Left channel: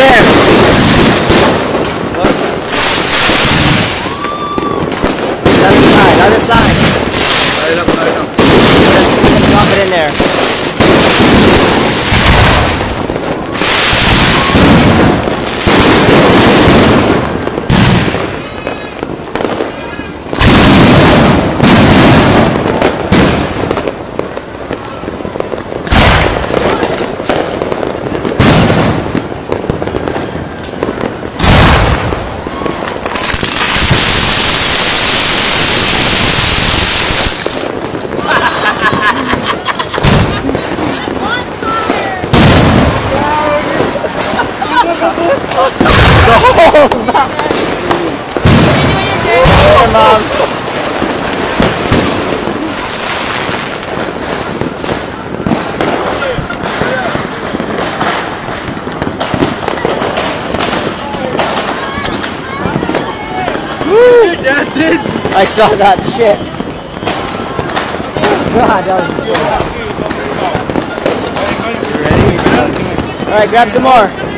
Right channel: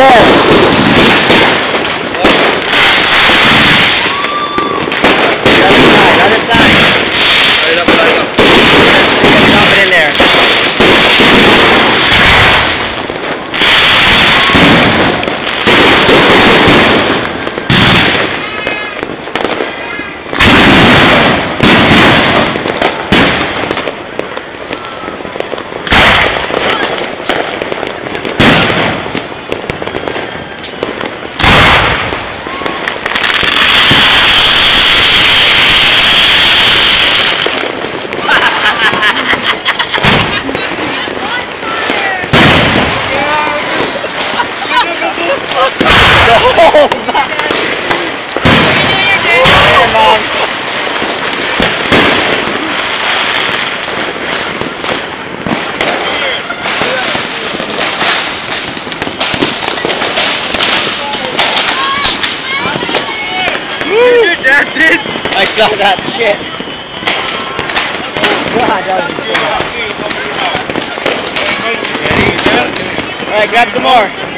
there. The other side. Just dump it in there. Go back. Here, Mom. Your dad did. I saw that shit. God, that was insane. Alright, grab some more.